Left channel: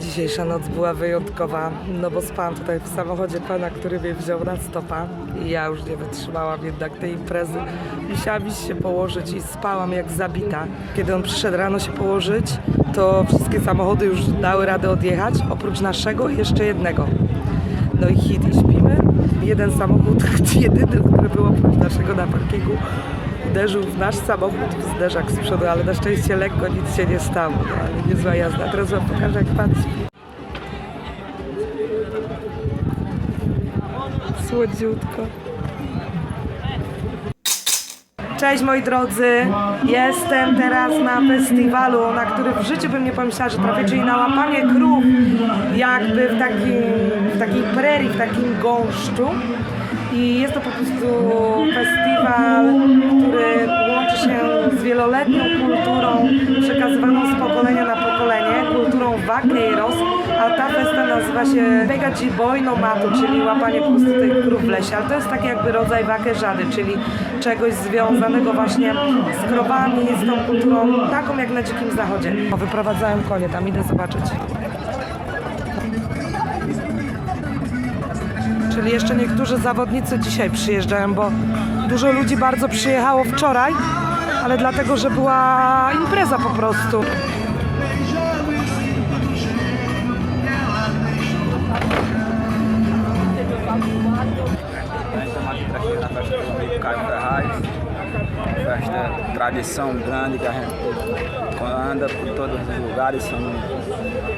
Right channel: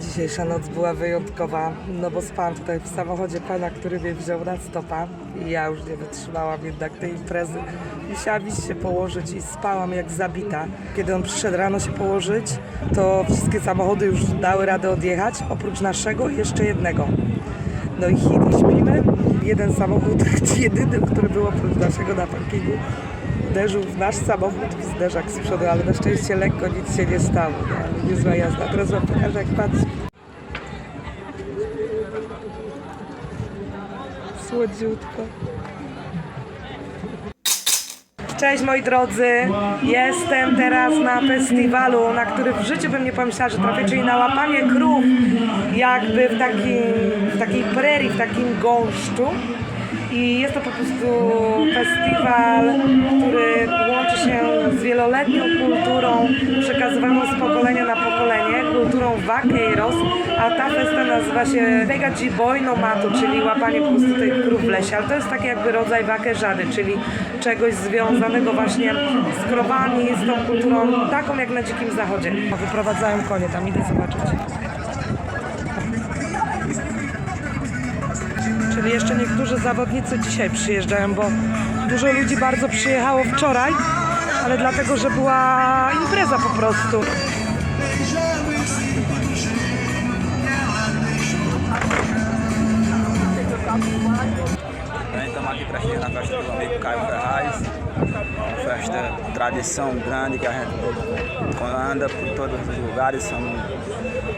Dzisiejsza noc była wyjątkowa, no bo spałam tutaj w samochodzie pana, który mnie wziął na stopa i ja już nie wytrzymałam jednak tej imprezy. Musiałam iść się położyć i spałam jak zabita. Kiedy on przyszedł rano się położyć, to wszystkie samochody już dały radę odjechać, oprócz naszego jeszcze jednego. No i hit i śpimy. Jeden samochód, jedyny, który był oprócz naszego na parkingu, uderzył w nasz samochód w zderzak z przodu, ale na szczęście lekko nic się nie stało, no ale niezła jazda. Teraz wam pokażę jak pan śpi. Słodziutko. Cześć moi drodzy, jestem teraz na festiwalu, na który w życiu bym nie pomyślała, że trafię, czyli na łapanie krów, jakby w, takim, w takiej prerii, w takim gąszczu. I jest to po prostu festiwal, który łączy się z wieloletnią kulturą przekazywaną z pokolenia na pokolenie, kulturą vaqueiros, a ta festa nazywa się Vega Boy no Mato, czyli łapanie po prostu krów w lesie, ale to jest taki jakby rodzaj wakerzady, czyli czegoś związanego właśnie z krowami, z tą kulturą taką jak na dzikim zachodzie. Wyprowadzają konie, tam idę zobaczyć. Czyli jeszcze niektórzy zawodnicy dzisiaj przyjeżdżają, bo dużo ludzi bardzo przyjechało wczoraj, ale dlatego, że była impreza po prostu. Estamos aqui na festa do amigo Caio Ferraz. Festa, tradição grande que a gente anda por todos os lugares, somos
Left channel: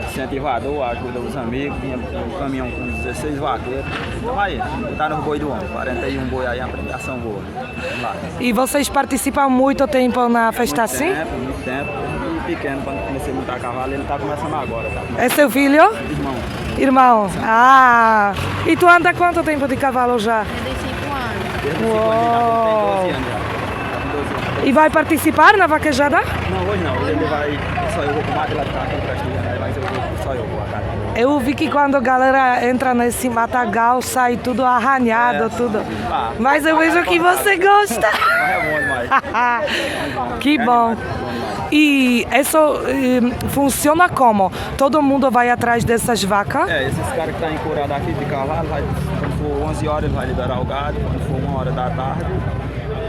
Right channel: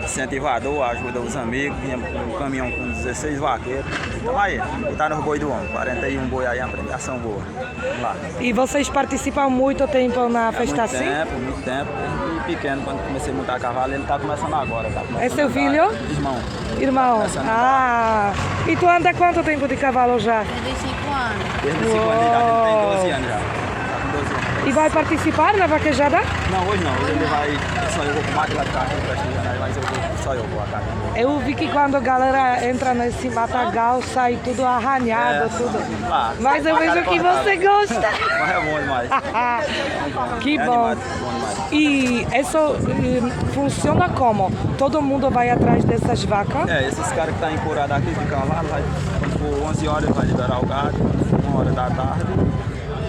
incentivador, ajuda os amigos, vinha um caminhão com 16 vaqueiros. Então aí, tá nos boi do homem, 41 boi aí, uma premiação boa. Vamos lá. E vocês participam muito tempo na festa muito assim? tempo, muito tempo. E pequeno, quando comecei a montar cavalo, ele tá começando agora, tá começando. É seu filho? Irmão, Irmãos. Ah! E tu anda quanto tempo de cavalo já? 35 anos. desde o segundo ano, ele tem 12 anos já. Tá com 12 anos. E vai participar na vaquejada? Não, hoje não. Hoje ele vai. Só eu vou com o Mato, ele vai ficar aqui prestigiando, mas eu vou, só eu vou a casa. Eu vi que quando a galera entra nesse matagal sai tudo arranhado, É, tudo. lá, Mas eu vejo que cortada. você gosta. Mas é bom demais. É bom. Que é bom. Animado, bom demais. E isso eh, funciona como? Todo mundo vai atrás dessas vacas? É, esses caras que tá encurado aqui de cavalo, vai, quando for 11 horas vai liberar o gado, quando for 1 hora da tarde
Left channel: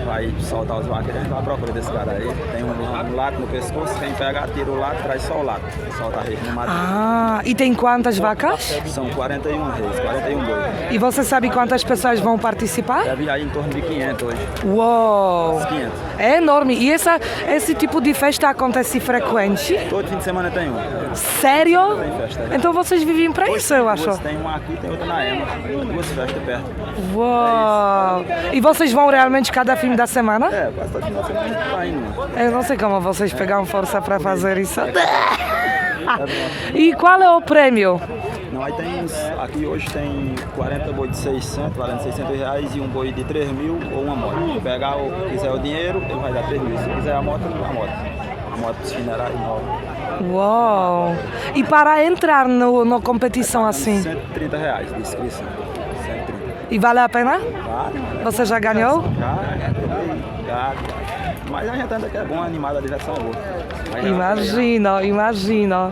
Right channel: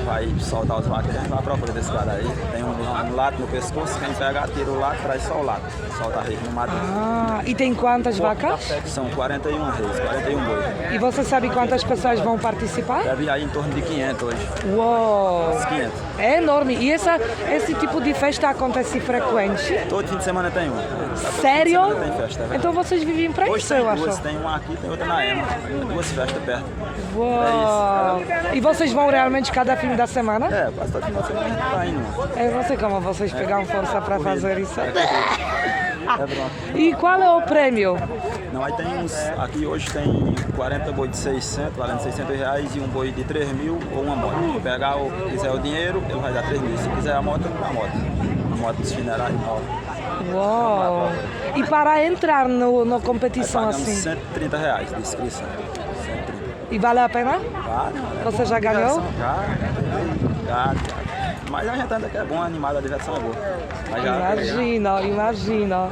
vai soltar os vaqueiros, a gente vai à procura desse cara aí. Tem um, um lato no pescoço, quem pega, tira o lato, traz só o lato. Solta a rede no mato. Ah, e tem quantas vacas? São 41 reis, 41 boi. E você sabe quantas pessoas vão participar? Deve aí em torno de 500 hoje. Uou! Uns 500. É enorme. E essa, esse tipo de festa acontece frequente? Todo fim de semana tem um. Sério? Tem festa, né? Então vocês vivem Hoje isso, eu acho. tem uma aqui tem outra na Ema. Duas festas perto. Uau! E vocês vão realmente cada fim da semana? É, quase todo final de semana a gente tá indo. mano. Eu não sei como vocês pegaram força pra fazer isso. É, é pronto. E qual é o prêmio? Não, aí tem uns. Aqui hoje tem 40 boi de 600, valendo 600 reais e um boi de 3 mil ou uma moto. Se pegar o quiser o dinheiro, ele vai dar 3 mil. Se quiser a moto, a moto. A moto dos funerários nova. Uau! E para entrar no, na competição assim, 130 reais de inscrição. 130. e vale a pena? Vale, vale. Você já ganhou? Já, já, já. Mas a gente anda que é bom, animado, a diversão é boa. Já- Imagino, imagino.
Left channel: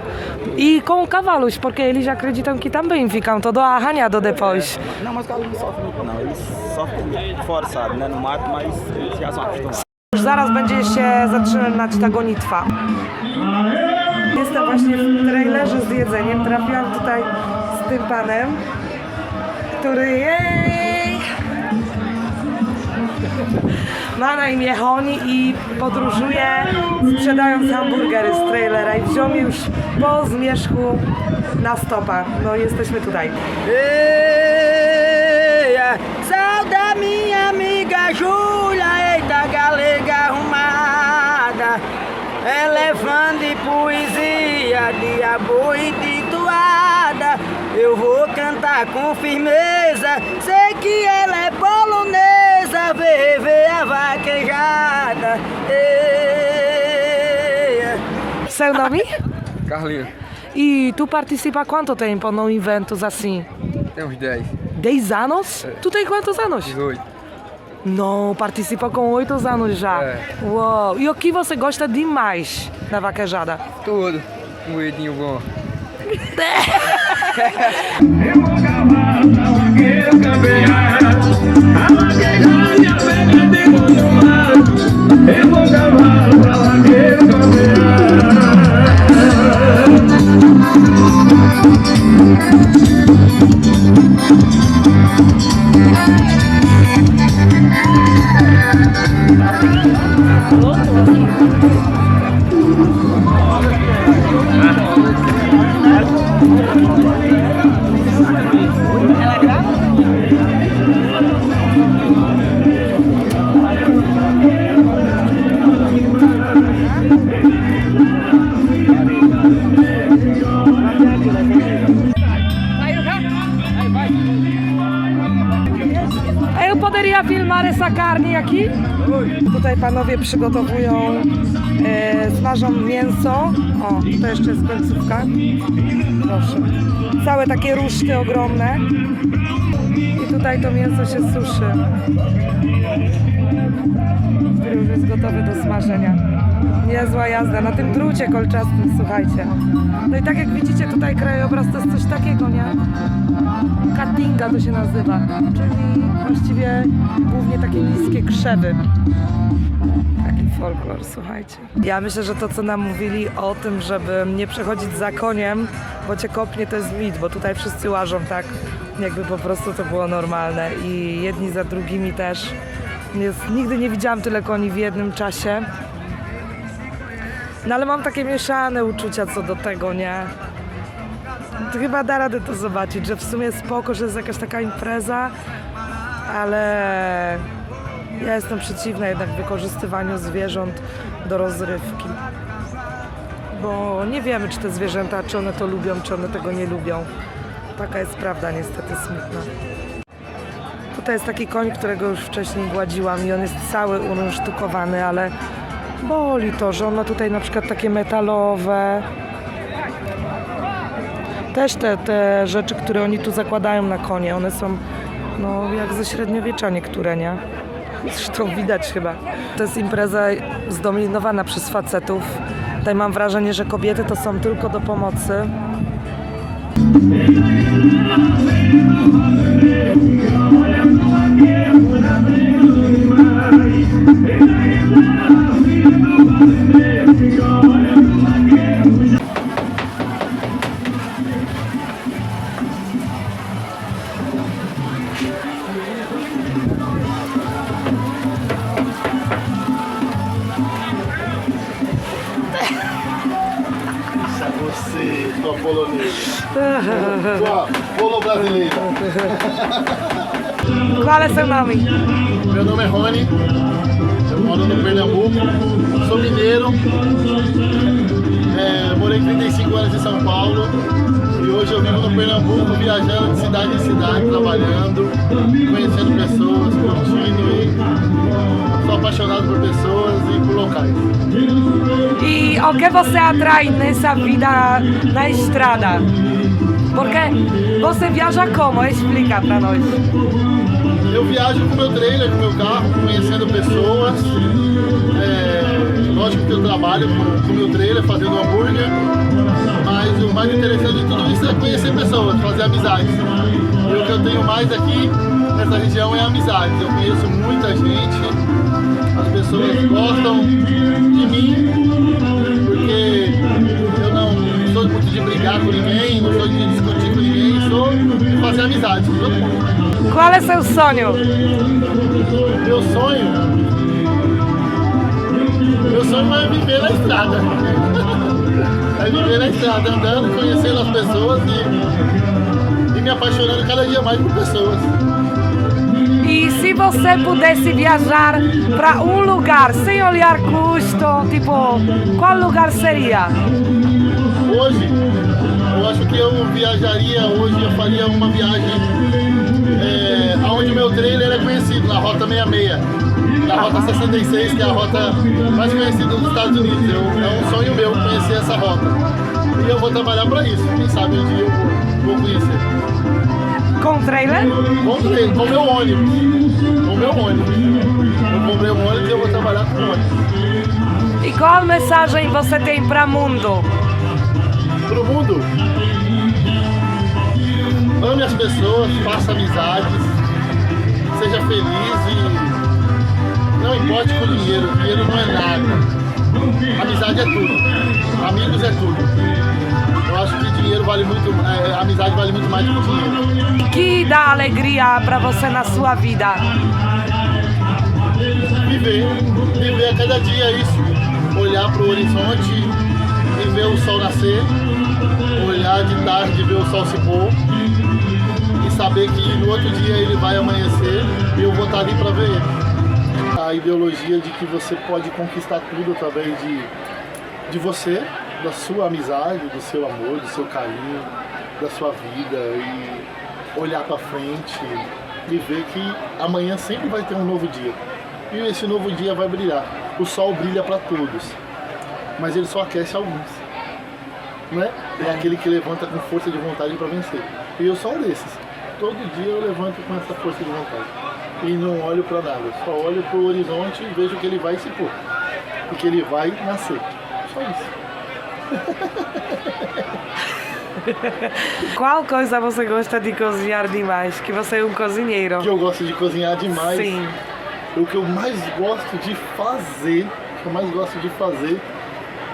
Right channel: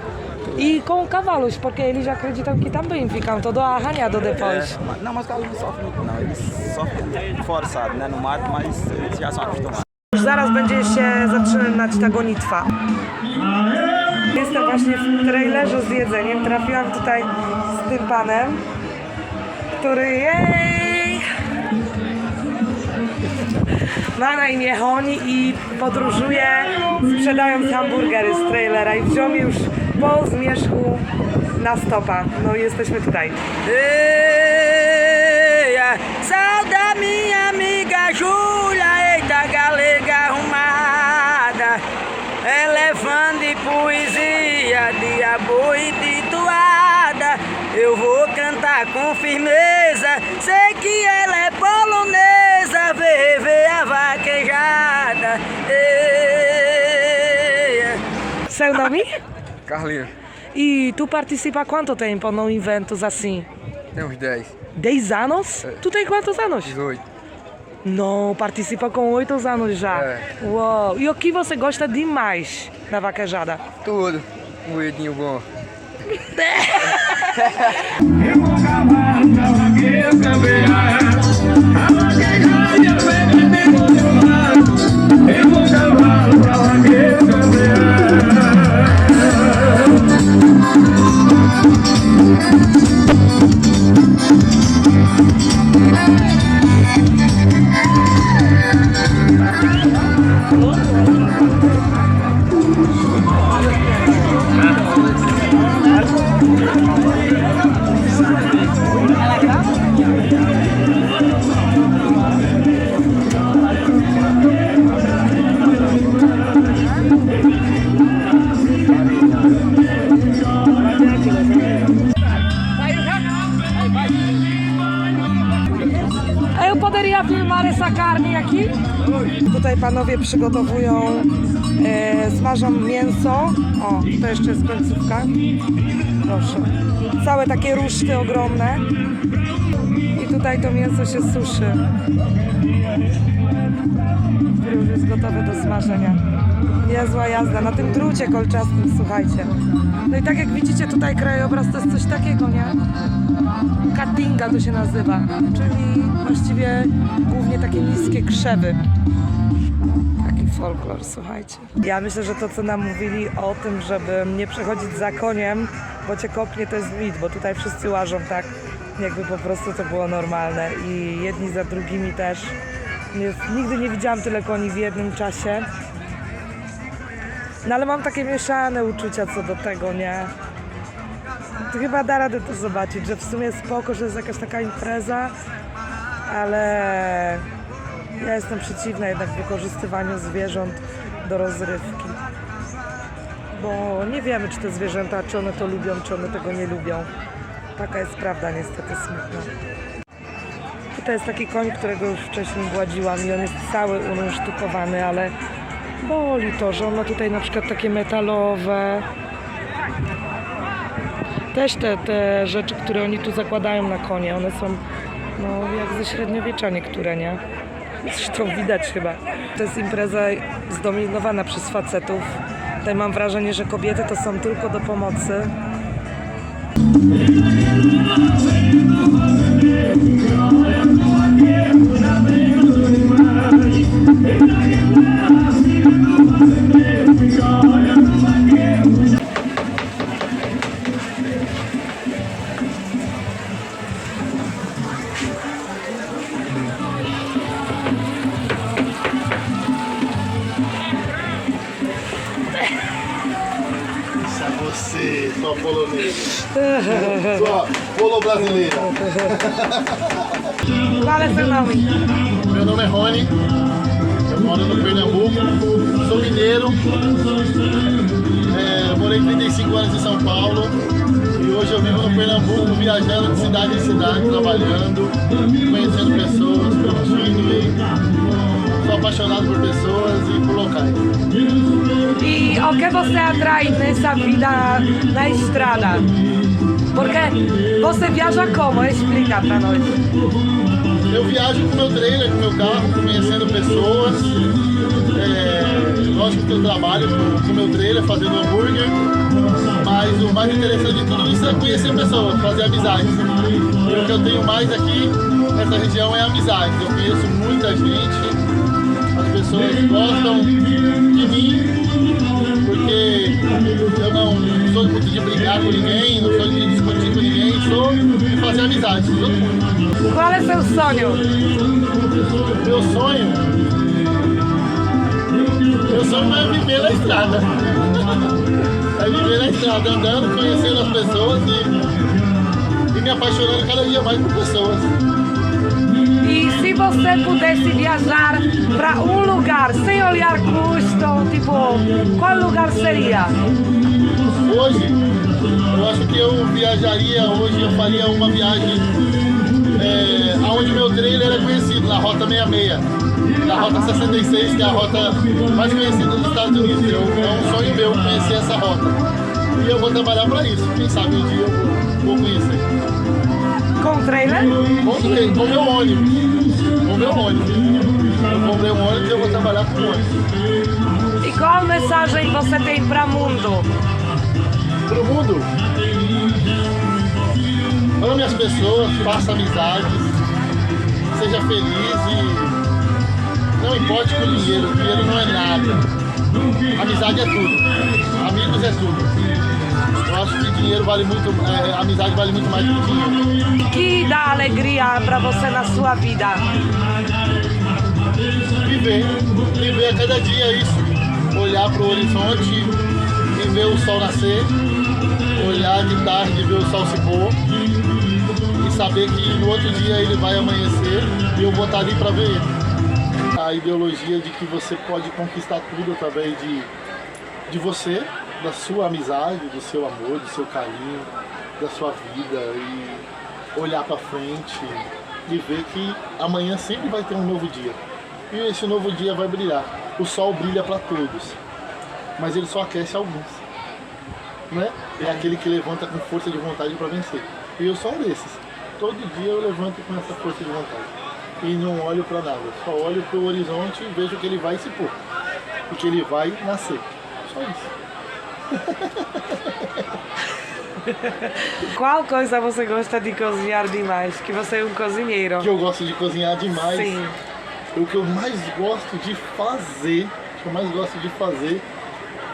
E com cavalos, porque eles acreditam que também ficam todo arranhado depois. É, mas- não, mas o cavalo não sofre muito não. Eles sofrem forçado, né? No mato, mas eles já são acostumados. Zaraz będzie się zaczynać ta gonitwa. Jestem właśnie w trailerze z jedzeniem. Trafiłam tutaj z tym panem, który jej ma na imię Honi i podróżuje sprzedając hamburgery z trailera i wziął mi już po zmierzchu na stopa. No i jesteśmy tutaj. Eia, sauda minha amiga Júlia, eita galega arrumada. Elefante de poesia, diabo e de toada. Eu vou cantar com firmeza, sei que ela é polonesa. Vê, vê a vaquejada. Seu nome? Carlinhos, E tu participa há quanto tempo num eventos assim? tem uns 10, 10 anos? Tu tem quantos anos? 18. Não, participa com 8 anos já. É. Uau! E o que você gosta demais na vaquejada? Tudo. Um moedinho bom. Eu poderia filmar essa carne aqui? Tutaj panowie przygotowują, e, smażą mięso. O, to jeszcze jest końcówka. Proszę. Całe takie ruszty ogromne. I tutaj to mięso się suszy. Które już jest gotowe do smażenia. Niezła jazda na tym drucie kolczastym, słuchajcie. No i tak jak widzicie tutaj krajobraz to jest coś takiego, nie? Katinga to się nazywa, czyli właściwie głównie takie niskie krzewy. Taki folklor, słuchajcie. Ja myślę, że to, co nam mówili o tym, żeby nie przechodzić za koniem, bo cię kopnie, to jest mit, bo tutaj wszyscy łażą tak, jakby po prostu to było normalne i jedni za drugimi też. Jest, nigdy nie widziałam tyle koni w jednym czasie. No ale mam takie mieszane uczucia co do tego, nie? To chyba da radę to zobaczyć, że w sumie spoko, że jest jakaś taka impreza, ale ja jestem przeciwna jednak wykorzystywaniu zwierząt do rozrywki. Bo nie wiemy, czy te zwierzęta, czy one to lubią, czy one tego nie lubią. Taka jest prawda niestety smutna. Tutaj jest taki koń, którego już wcześniej gładziłam i on jest cały unsztukowany, ale boli to, że on ma tutaj na przykład takie metalowe, też te, te rzeczy, które oni tu zakładają na konie, one są no, jak ze średniowiecza niektóre, nie? Zresztą widać chyba. To jest impreza zdominowana przez facetów. Tutaj mam wrażenie, że kobiety to są tylko do pomocy. Você, sua polonesa. Sua polo brasileira. Qual é seu nome? Meu nome é Rony. Eu moro no Pernambuco. Sou mineiro. É, morei 35 anos em São Paulo. E hoje eu vivo no Pernambuco, viajando de cidade em cidade, trabalhando, conhecendo pessoas, curtindo e apaixonado por pessoas e por locais. E o que você atrai nessa vida na estrada? Porque você viaja como? Explica pra nós. Eu viajo com meu trailer, com meu carro, conhecendo pessoas. É, lógico que eu trabalho com o meu trailer, fazendo hambúrguer. Mas o mais interessante de tudo isso é conhecer pessoas, fazer amizades. E o que eu tenho mais aqui nessa região é amizade. Eu conheço muita gente, as pessoas gostam de mim, porque eu não sou muito de brigar com ninguém, não sou de discutir com ninguém, sou de fazer amizade com todo mundo. Qual é seu sonho? Meu sonho. Meu sonho é viver na estrada. É viver na estrada, andando, conhecendo as pessoas e, e me apaixonando cada dia mais por pessoas. Se você pudesse viajar para um lugar sem olhar custo, tipo, qual lugar seria? Hoje, eu acho que eu viajaria, hoje eu faria uma viagem é, aonde o meu trailer é conhecido, na Rota 66. Na Rota 66, que é a rota mais conhecida dos Estados Unidos. Eu, é um sonho meu conhecer essa rota. E eu vou trabalhar para isso. Quem sabe um dia eu vou, vou conhecer. Com trailer? Com trailer, com meu ônibus. Com meu ônibus. Eu comprei um ônibus e eu vou trabalhar com ônibus. E qual mensagem você tem para o mundo? Pro mundo, ame as pessoas, faça amizades, seja feliz e não importe com dinheiro, dinheiro não é nada. Amizade é tudo, amigos é tudo. Acho que dinheiro vale muito, é, amizade vale muito mais do que dinheiro. O que dá alegria pra você na sua vida? Viver, viver a cada dia isso. Olhar para o horizonte e ver o sol nascer, olhar de tarde e ver o sol se pôr e saber que no outro dia ele vai amanhecer e eu vou estar ali para ver ele. A ideologia de que você pode conquistar tudo através de, de você, da sua amizade, do seu amor, do seu carinho, da sua vida e olhar para frente e ver que amanhã sempre vai ter um novo dia. E esse novo dia vai brilhar. O sol brilha para todos, mas ele só aquece alguns. Né? É aquele que levanta com força de vontade para vencer. E eu sou um desses. Todo dia eu levanto com essa força de vontade. E não olho para nada. Só olho para o horizonte e vejo que ele vai se pôr. E que ele vai nascer. Só isso. Qual coisa você gosta de cozinhar demais? Que você é um cozinheiro. Que eu gosto de cozinhar demais. Sim. O que eu mais gosto de fazer, o que eu mais gosto de fazer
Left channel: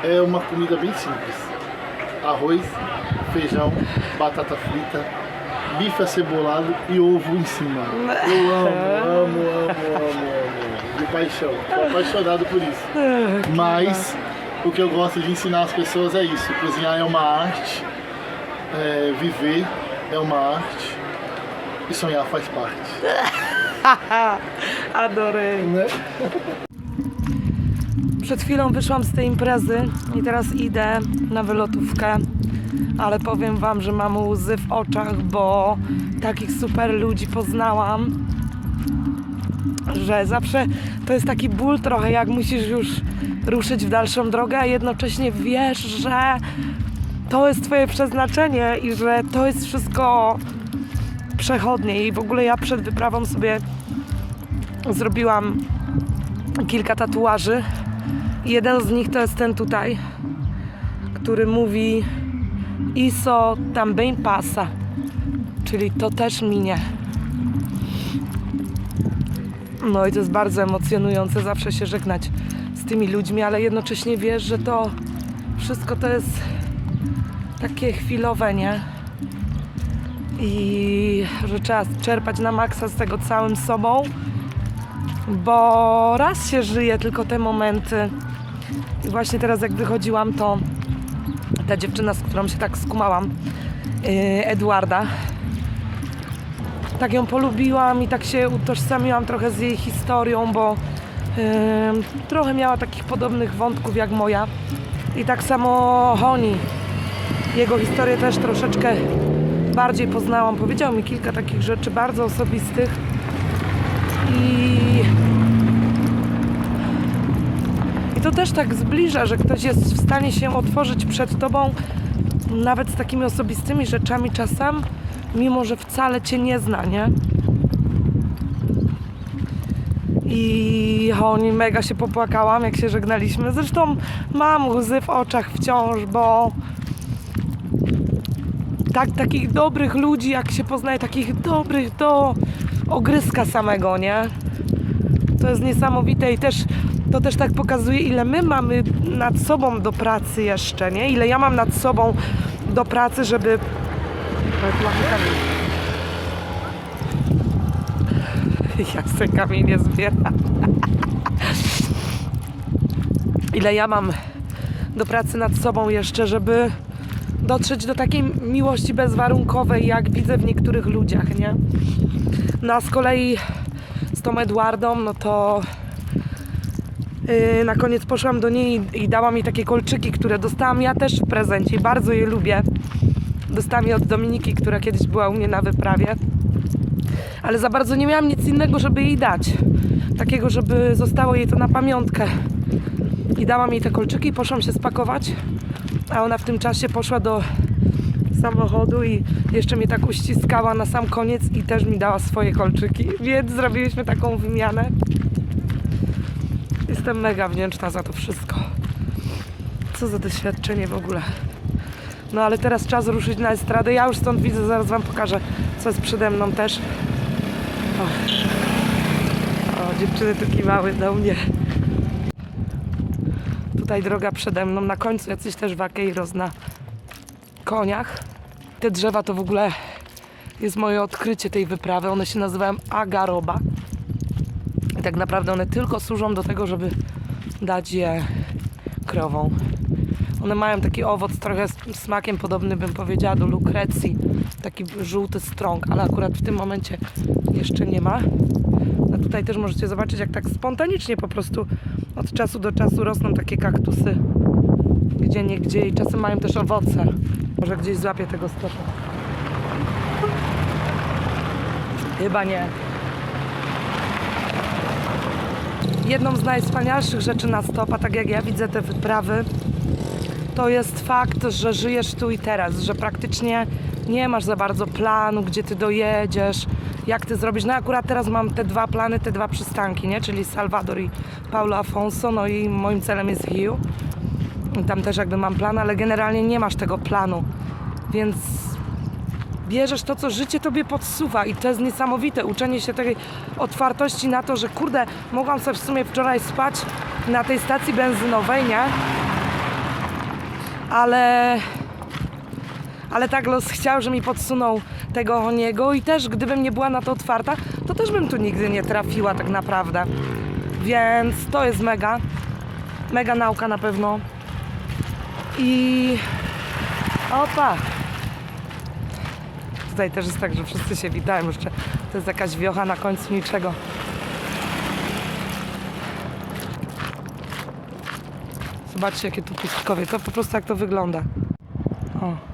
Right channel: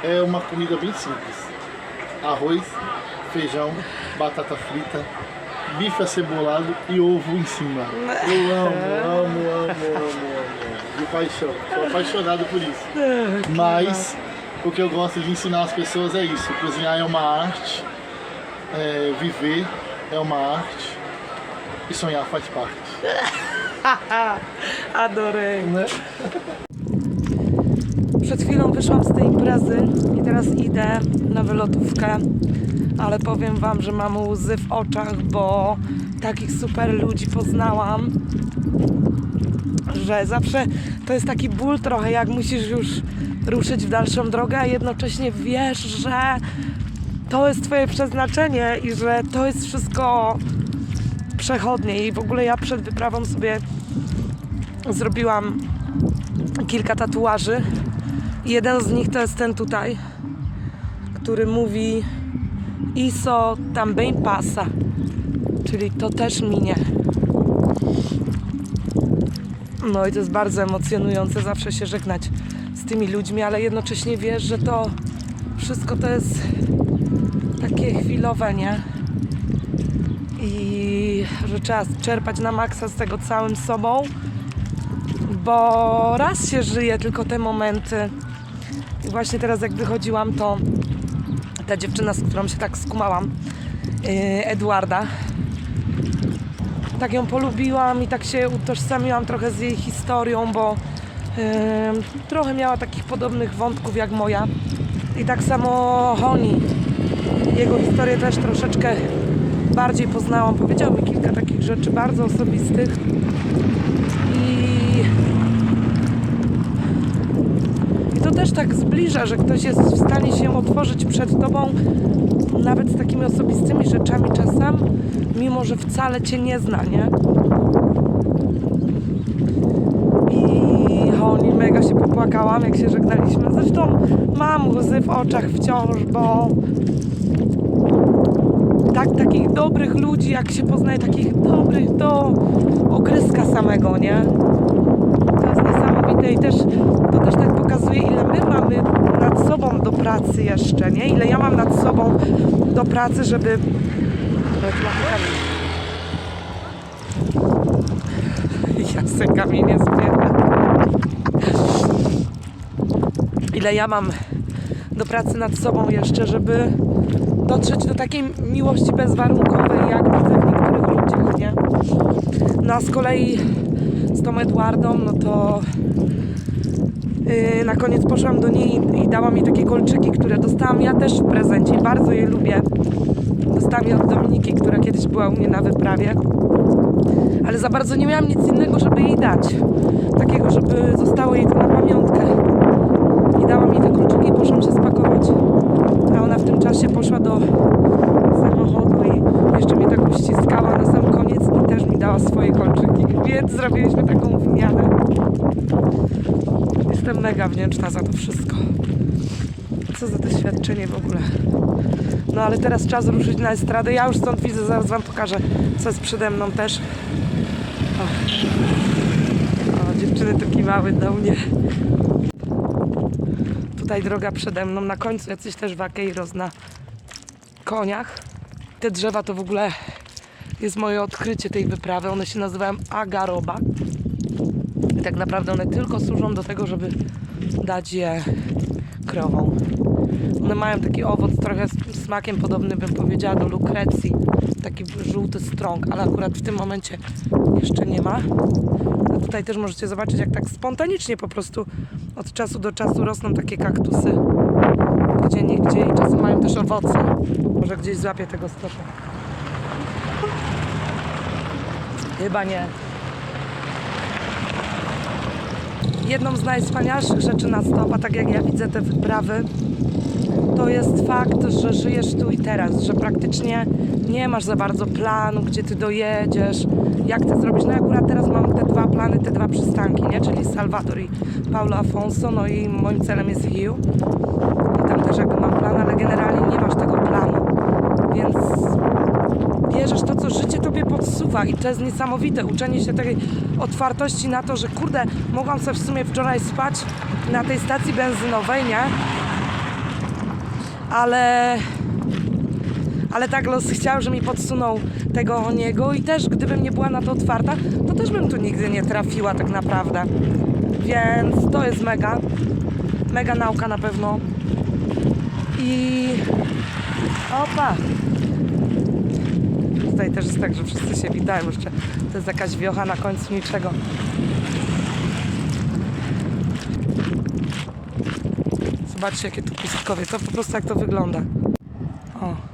é uma comida bem simples. Arroz, feijão, batata frita, bife acebolado e ovo em cima. Eu amo, amo, amo, amo, amo. De paixão. Sou apaixonado por isso. Mas o que eu gosto de ensinar as pessoas é isso. Cozinhar é uma arte, é, viver é uma arte e sonhar faz parte. Adorei. Né? Przed chwilą wyszłam z tej imprezy i teraz idę na wylotówkę, ale powiem Wam, że mam łzy w oczach, bo takich super ludzi poznałam, że zawsze to jest taki ból trochę, jak musisz już ruszyć w dalszą drogę, a jednocześnie wiesz, że to jest Twoje przeznaczenie i że to jest wszystko przechodnie. I w ogóle ja przed wyprawą sobie zrobiłam kilka tatuaży. Jeden z nich to jest ten tutaj, który mówi Iso também passa, czyli to też minie. No i to jest bardzo emocjonujące zawsze się żegnać z tymi ludźmi, ale jednocześnie wiesz, że to wszystko to jest takie chwilowe, nie? I że trzeba czerpać na maksa z tego całym sobą, bo raz się żyje tylko te momenty. I właśnie teraz jak wychodziłam, to ta dziewczyna, z którą się tak skumałam, yy, Eduarda, tak ją polubiłam i tak się utożsamiłam trochę z jej historią, bo trochę miała takich podobnych wątków jak moja. I tak samo Honi. Jego historię też troszeczkę bardziej poznałam. Powiedział mi kilka takich rzeczy bardzo osobistych. I to też tak zbliża, że ktoś jest w stanie się otworzyć przed tobą nawet z takimi osobistymi rzeczami czasem, mimo że wcale cię nie zna, nie? I oni mega się popłakałam, jak się żegnaliśmy. Zresztą mam łzy w oczach wciąż, bo tak, takich dobrych ludzi, jak się poznaje, takich dobrych do ogryzka samego, nie? To jest niesamowite i też to też tak pokazuje, ile my mamy nad sobą do pracy jeszcze, nie? Ile ja mam nad sobą do pracy, żeby... Ale tu mamy kamień. Ja se kamienie zbieram. Ile ja mam do pracy nad sobą jeszcze, żeby dotrzeć do takiej miłości bezwarunkowej, jak widzę w niektórych ludziach, nie? No a z kolei z tą Edwardą, no to yy, na koniec poszłam do niej i dała mi takie kolczyki, które dostałam ja też w prezencie. Bardzo je lubię. Dostałam je od Dominiki, która kiedyś była u mnie na wyprawie. Ale za bardzo nie miałam nic innego, żeby jej dać. Takiego, żeby zostało jej to na pamiątkę. I dała mi te kolczyki poszłam się spakować. A ona w tym czasie poszła do samochodu i jeszcze mnie tak uściskała na sam koniec i też mi dała swoje kolczyki. Więc zrobiliśmy taką wymianę. Jestem mega wdzięczna za to wszystko. Co za doświadczenie w ogóle. No ale teraz czas ruszyć na estradę. Ja już stąd widzę, zaraz wam pokażę, co jest przede mną też. O, o dziewczyny tu kiwały do mnie. Tutaj droga przede mną, na końcu jacyś też wakeiros na koniach. Te drzewa to w ogóle jest moje odkrycie tej wyprawy. One się nazywają agaroba. I tak naprawdę one tylko służą do tego, żeby dać je krowom. One mają taki owoc trochę smakiem podobny, bym powiedziała, do lukrecji. Taki żółty strąg, ale akurat w tym momencie jeszcze nie ma. Tutaj też możecie zobaczyć, jak tak spontanicznie po prostu od czasu do czasu rosną takie kaktusy. Gdzie nie gdzie i czasem mają też owoce. Może gdzieś złapię tego stosza. Chyba nie. Jedną z najwspanialszych rzeczy na stopa, tak jak ja widzę te wyprawy, to jest fakt, że żyjesz tu i teraz, że praktycznie nie masz za bardzo planu, gdzie ty dojedziesz, jak ty zrobisz. No akurat teraz mam te dwa plany, te dwa przystanki, nie? Czyli Salvador i Paulo Afonso, no i moim celem jest Hiu. I tam też jakby mam plan, ale generalnie nie masz tego planu, więc bierzesz to, co życie tobie podsuwa i to jest niesamowite, uczenie się tej otwartości na to, że kurde, mogłam sobie w sumie wczoraj spać na tej stacji benzynowej, nie? Ale ale tak los chciał, że mi podsunął tego niego i też gdybym nie była na to otwarta, to też bym tu nigdy nie trafiła tak naprawdę. Więc to jest mega, mega nauka na pewno. I opa, Tutaj też jest tak, że wszyscy się witają jeszcze. To jest jakaś wiocha na końcu niczego. Zobaczcie, jakie tu pustkowie. To po prostu jak to wygląda. O.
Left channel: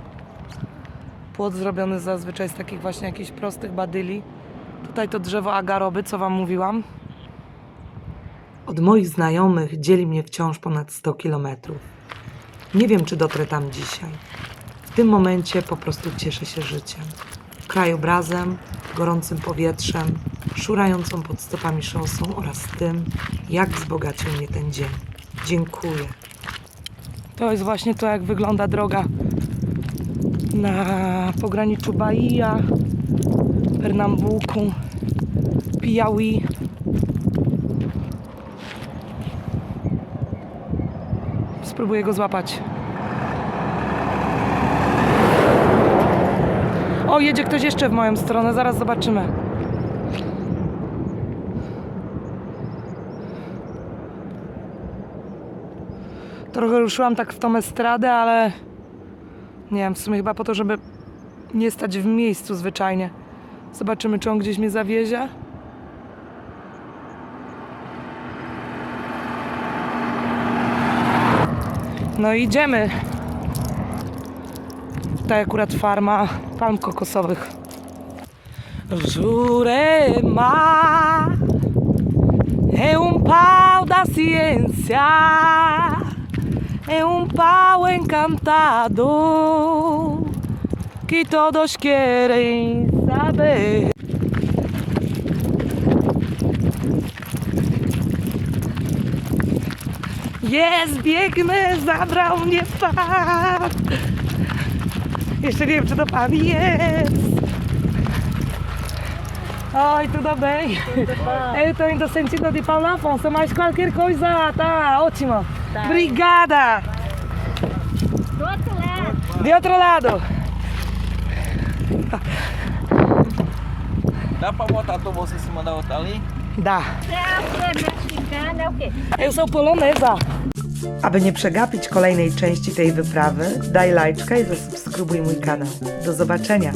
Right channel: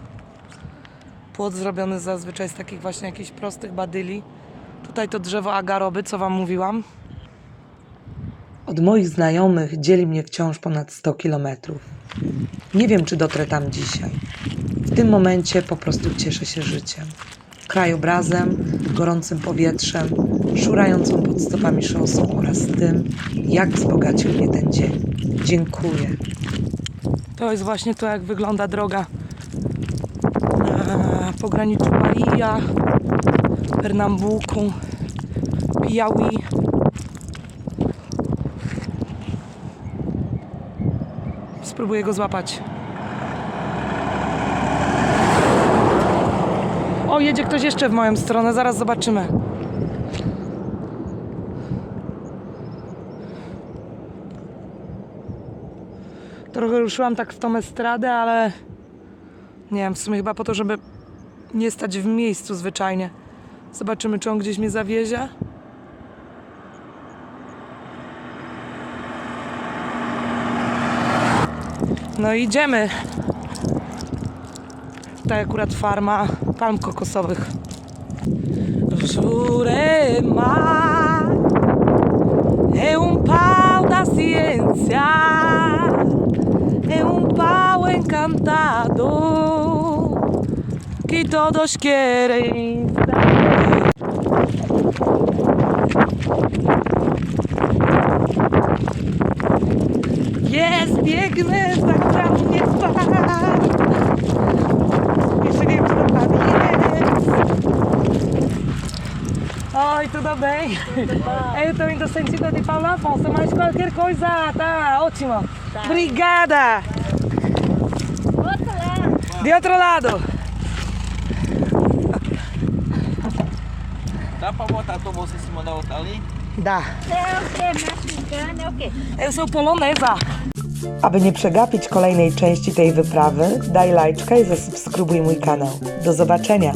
Płot zrobiony zazwyczaj z takich właśnie jakichś prostych badyli. Tutaj to drzewo agaroby, co wam mówiłam. Od moich znajomych dzieli mnie wciąż ponad 100 kilometrów. Nie wiem, czy dotrę tam dzisiaj. W tym momencie po prostu cieszę się życiem. Krajobrazem, gorącym powietrzem, szurającą pod stopami szosą oraz tym, jak wzbogacił mnie ten dzień. Dziękuję. To jest właśnie to, jak wygląda droga na pograniczu Bahia, Pernambuku, Piauí. Spróbuję go złapać. O, jedzie ktoś jeszcze w moją stronę, zaraz zobaczymy. Trochę ruszyłam tak w tą estradę, ale nie wiem, w sumie chyba po to, żeby nie stać w miejscu zwyczajnie. Zobaczymy, czy on gdzieś mnie zawiezie. No idziemy. Tutaj akurat farma palm kokosowych. Jurema é um pau da é um pau encantado que todos querem saber. Jest, biegnę, zabrał mnie pan. Jeszcze nie wiem, czy to pan jest. Oi, tudo bem? Eu tô indo sentido de Paulo Afonso, mas qualquer coisa tá ótimo. Obrigada. De outro lado. Dá pra botar tua bolsa em cima da outra ali? Da. É o quê? Mexicana é o quê? Eu sou polonesa. Aby nie przegapić kolejnej części tej wyprawy, daj lajczka i zasubskrybuj mój kanał. Do zobaczenia.